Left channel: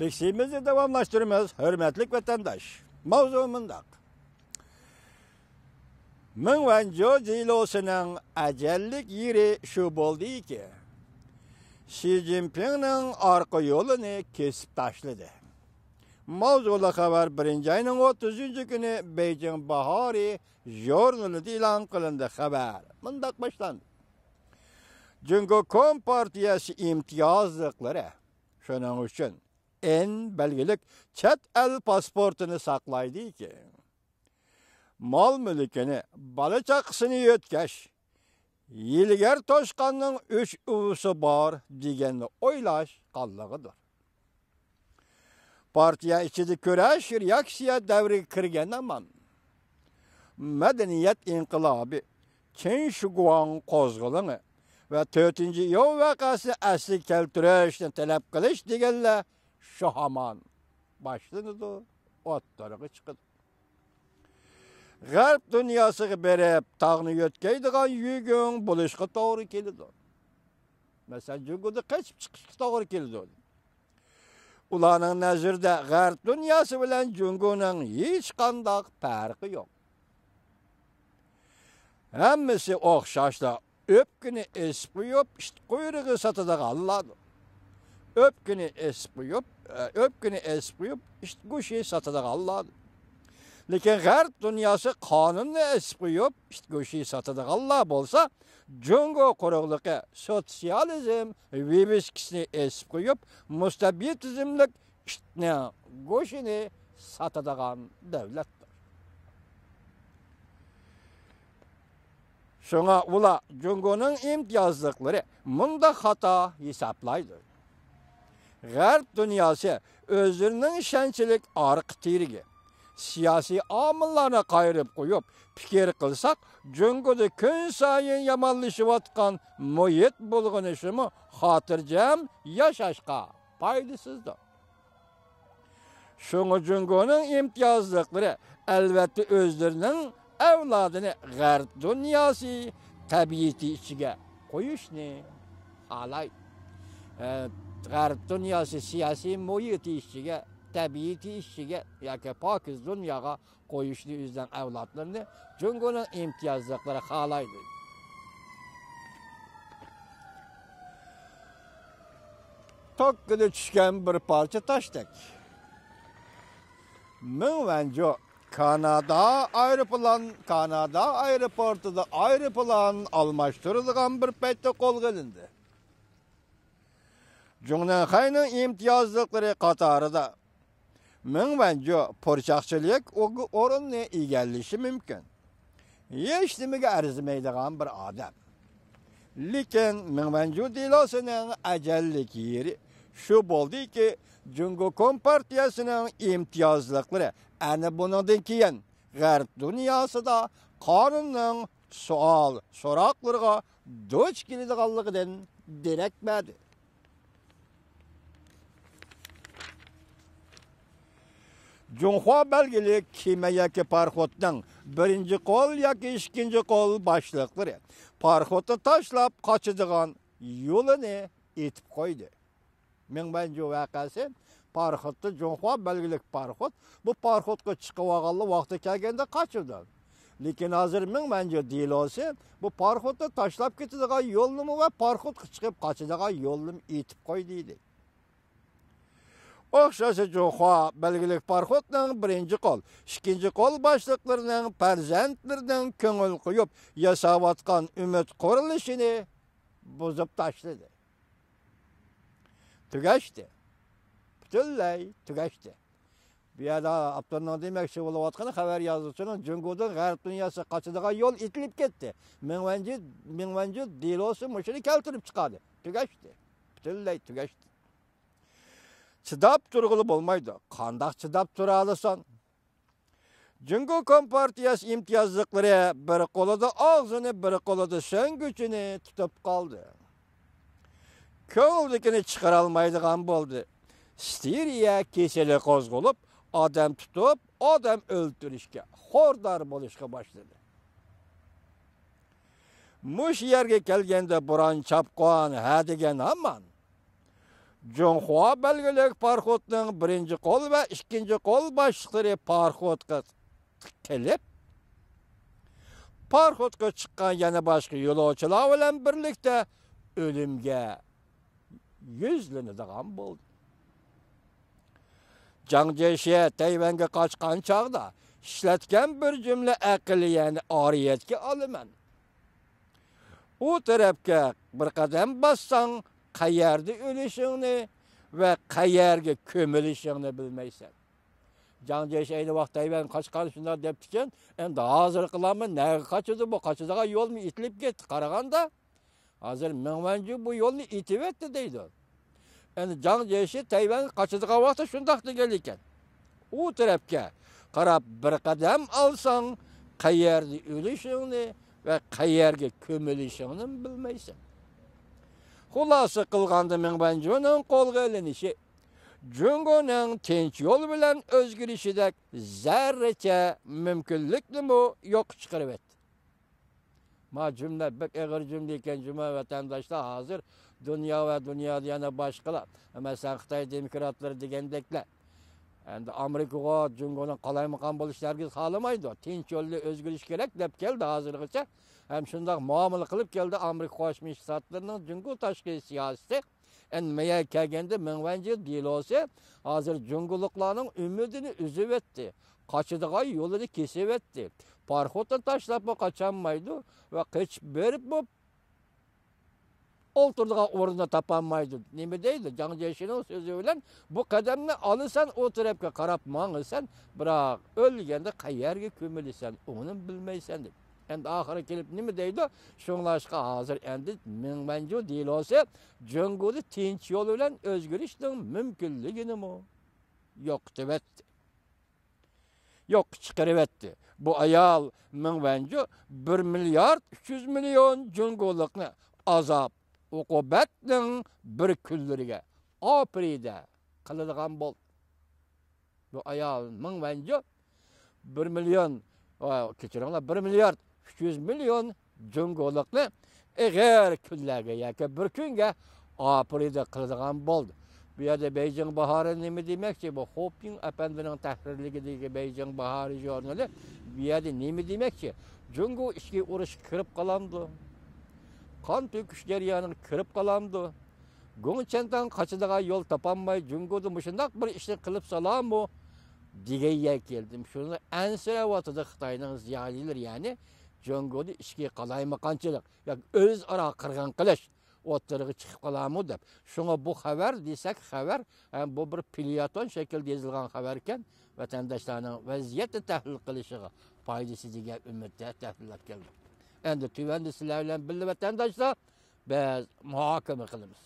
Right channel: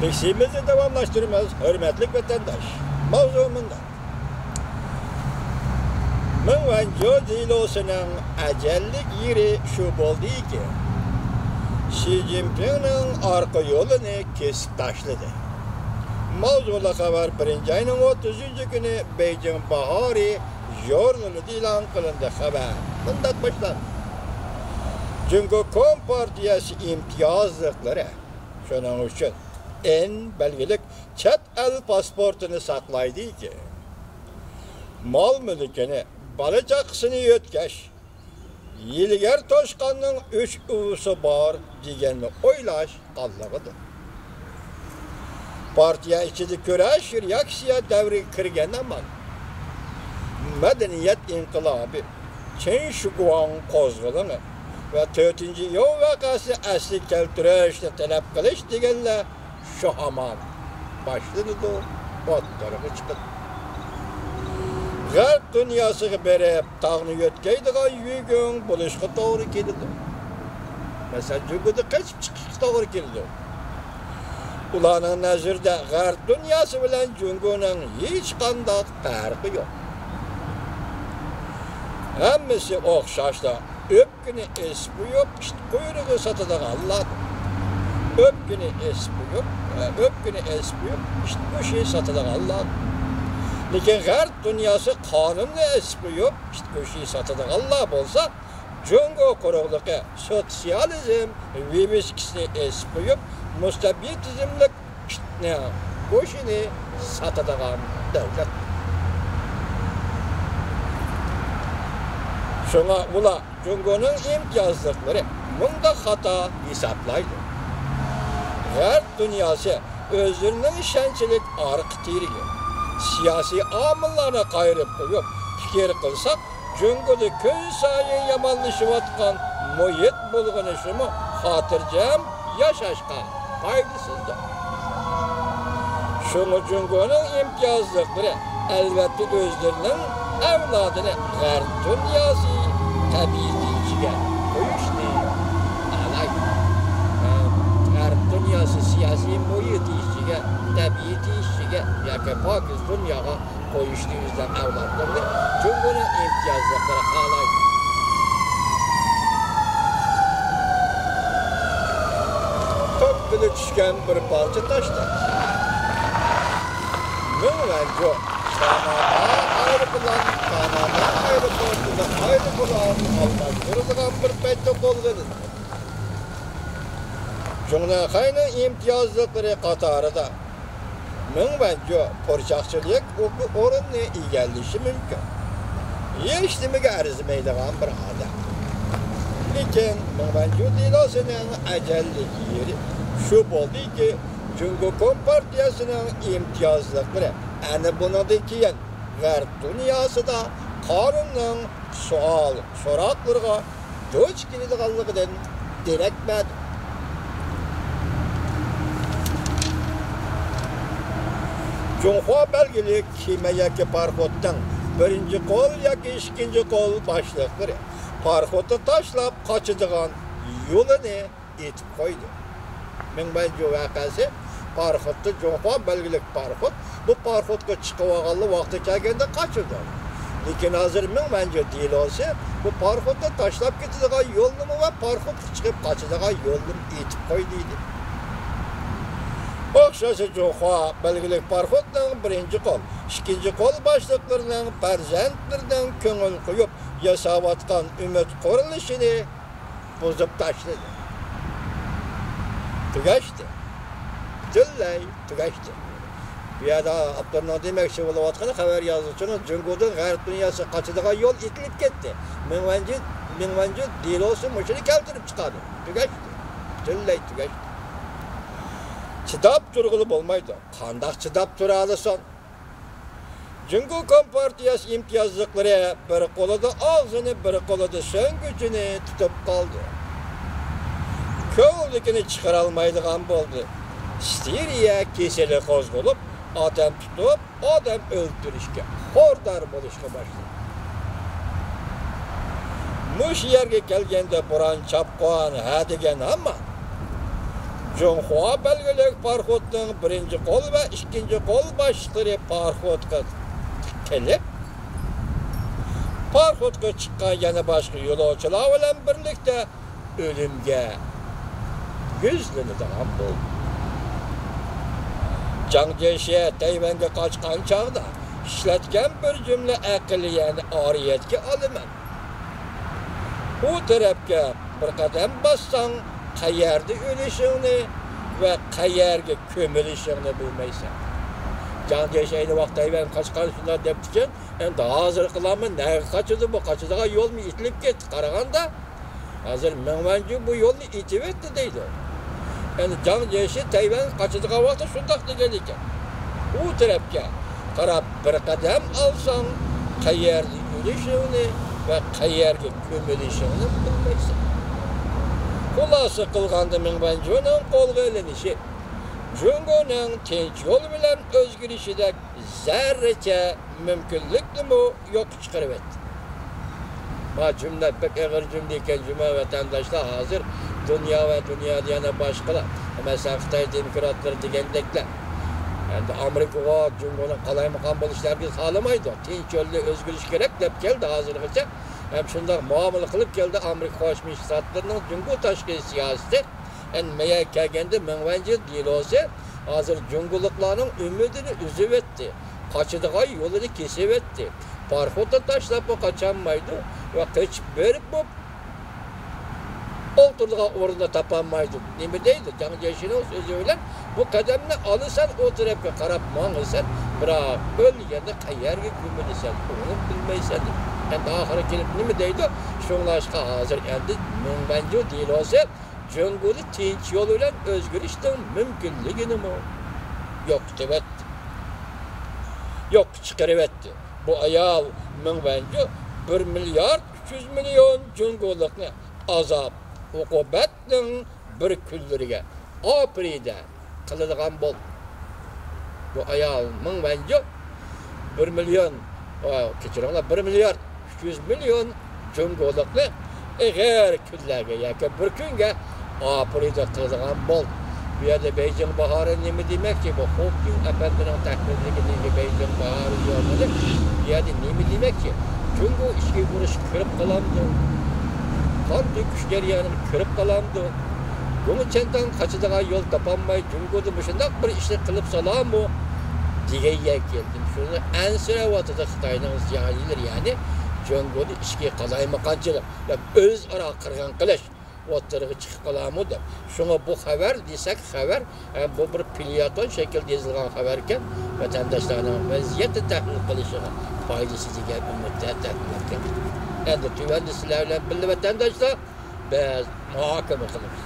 Biksimizi devamlaştırmaz, hürmetlik vatandaş. Mavzumunda. Mınvanco dilosunun acellik yeri şu boldu ki, Xi Jinping'nin arka yolunu kesip taşladı. Mavzula haber 1. ayının 30. günü Beijing Bahari Journal'ı ilan kılındı haber. Bundan başlandı. Çünkü Kompartiyası imtiyazlıkları şunun için en belgelik çet el pasportunu saklaydı ki, mal mülkünü balıcakısını yötkeş, Yilger Toşkan'ın 3 uvusu var diyenini oylaş Allah'ıdır. Partiya içinde köreşir yaksıya devri kırgen ama medeniyet inkılabı Çin şuguan kozgulunu ve 4. yol vakası asli keltüreşle talep kılış diyenler şu aman başladı da otlarını çıkıp. Garp dünyası berep tağını yötkeydiğe yügün buluşku doğru kelidi. Mesela cüngüde kaçıp çıkış doğru kelidi. Ulanın nazırda garp dünyası bilen cüngünün hiç kandak farkı yok. Hemmisi okşaşla öpkünü espi yok, işte kuyruğu satıdan Allah. Öpkünü espi yok, işte bu şey satıdan Allah. Lekin garp dünyası kanunlu espi yok, işte bu şey satıdan Allah bolsa, Cungo kuruluğu sosyalizm viviskisini espi yok, mustabitizmlik işte ne bu şeyini satıdan devlet. Şuna ula Cungo'nun imtiyazlıkları bunda hata hesaplaydı. Garp dünyası özünün şençilik arıqtiriyor. Siyasi amıllara kayırıp koyup fikir kılsak, Cungo'da gün sayın yamanlaşıvatkan muhit bulğunu şunu hatırcam yaşaşka faydasızdır. Şunu Cungo'nun imtiyazlıkları elbette özlerinin evladını garp dünyası tabiiyeciye koyuştu. Alaydı. Garp dünyası siyasi muhit işçiye, tabiiyeci işçiye, yani Pakistan dünyaya koyuştu yüzden evlatlarını Cungo'nun imtiyazlıkları alaydı. Top bile düşken bir parça taştı. Mınvanco Kanada aeroportunda aeroplan almaştırılan bir peyto kolgıdır. Cumhuriyet'in imtiyazlıkları Katar'da Mınvanco porçakçılık orunlu igelişi mümkün. Yeştimige arzmaydigan bir adam. Lekin Mınvanco dilasının acellik yeri şu boldu ki Cungo Kompartiyasının imtiyazlıkları ana bundan keyin garp dünyası da kanunun soraklarga göç keladiganligidan derekmedi. Cunhua belgili kime yaki parxotdan birinci kol yaki ikinci kol başlıqları parxotu taşlap kaçıdığan yolunu etip koydu. Mınvanco vakası parxotda Cunhua belgilik parxot bu parxotga chiqib olganli vaqti kelganda kaçırdı. Lekin hozir Mınvanco dilosi bu parxotda tashlab ketadigan yo'lni va parxot chiqib qochadigan yo'lni etib qo'ydiydi. O'xshasa Cunhua belgilik parxotning birinchi qo'l, ikkinchi qo'l boshliqlarining farzandlaridan ko'ngil qo'yib yasayotgan umid qurilishini buzib tashladi. Tugashdi. Butunlay tugashdi. Bu yerda Abdurrahman demoqchi bo'layotgani xabar yozuvchini Cungo'da garp dunyosi qochadigan yo'l itilib ketdi. Mınvanco dilosi mushuni keltirib chiqadi. Tugashdi. Butunlay tugashdi. Chidab turg'ili bo'lmaydi. Qanday chidab tura olasan? Cungo Kompartiyasi imtiyozliklari bir qo'lida og'zini, bir qo'lida so'ngguchini tutib qoldi. Ko'ldikini chiqara olmaydigan bo'ldi. Steriya keseli qo'zg'olib, odam tutib, odam o'ldirishga, xordar bo'lishga boshladi. Mush yerga kelganda bo'ron chapqon ha degan hamma Jonhua belgelik parxodning birinchi qo'l va ikkinchi qo'l boshlig'i parxodga kelib, parxodga chiqqan yana boshqa yo'lovchilar bilan birlikda o'limga yuzlanadigan bo'ldi. Jangjeshi Tayvanga qochgan chog'da ishlatgan bir jumla aqli, ya'ni oriyatga olaman. U tarafga bir qadam bossang, qayerda o'lishingni va qayerga ko'milishingni bilmaysan. Jangjeshi ayni vaqt Tayvan qochgan shunday debdi, endi hozir qilaman, nega qochadi bu? Qochadigan yo'lni itilib ketdi. Qaraganda hozir Mingvanju bu yo'lni itib etdi deydi. Endi Jangjeshi Tayvan qochadigan vaqtda shunday degan ekan. U tarafga qarab bir qadam olsang, qayerda o'lishingni va qayerga ko'milishingni bilmaysan. Xulosa qilganda Mingvanjuning qo'lga ilinishi Jungoning tinch yo'l bilan o'zgarishida zarracha mumkinlikni yo'q chiqarib etdi. Bu cümle pek ağır cümleyken cuma vatandaşlar hazır dünya ve dünyada yana başkalar. Mesela Xitay demokratları degendekler. Yani Amerika'ya Cumhur'un qalaymakon bo'lishlar biz sağlamaydı. Tinch yo'lli o'zgarish kerak deb keldi hozirgacha. Hem shunday muomala qilib keldi Amerika Qo'shma Shtatlarining Jungo tashqi siyosati. Endi meya kelganda Mingvanju delosi hozir Jungoliklarning umidini uzib etdi. Qochadigan yo'lini kesib etdi. Parxodda tashlab qochamaydi ve kaçıp verip bu olturduğu orada tapanmaydı. Nemi deydi? Jangjeshining sözü bilan bu qadamni alırsan o tarafga qarab mang'ilsan, biroq o'lganda qayerga ko'milasan, uni bilmaysan. Endi oxiri kelib nima deydi? Shunglashqa hozir endi Mingvanju delosi Jungoni tinch yo'l bilan o'zgarishning mumkinligini yo'q deb etdi. Yo'q chiqarib etdi. Bu ayol Mingvanju 1 milyar 300 milyon Jungolikni azap, uqubatning bir kunlariga oprida qiladigan bo'ldi. Bu ayol Mingvanju 1 milyon, kechiringlar 1 milyar 300 milyon Jungolikni eg'er kunlarga yoki bir kunga oprida qiladigan bo'ldi. Bu yerda Beijing bahori nima demakki? Bu Hopkins apandining taklifidagi Beijing bahori yonida bu yerda nima demakki? Jungo ishga burish ko'rib qolamdi. Qanday kuch jarayonini ko'rib qolamdi. Buni chendan qochadigan yo'l topolmay Jungoda shunday bir ishni qilib solammi degan keldim. Shuni ansiravatida Xitoyning ziyolilar, ya'ni Jungoda ishga qalaymaganchilik, o'zaro qirg'in qilish o'tirg'i chiqib qolammi deb. Shunga bu xabar desak, xabar bu bir pilyaton shaklda yozilgan xabar ekan, vatandoshlarning vaziyatni tahlil qilishiga foydasi degan umidda taqdim. Endi tuvanda sizlar bilan birga vatandoshlar biz muhokama qilamiz.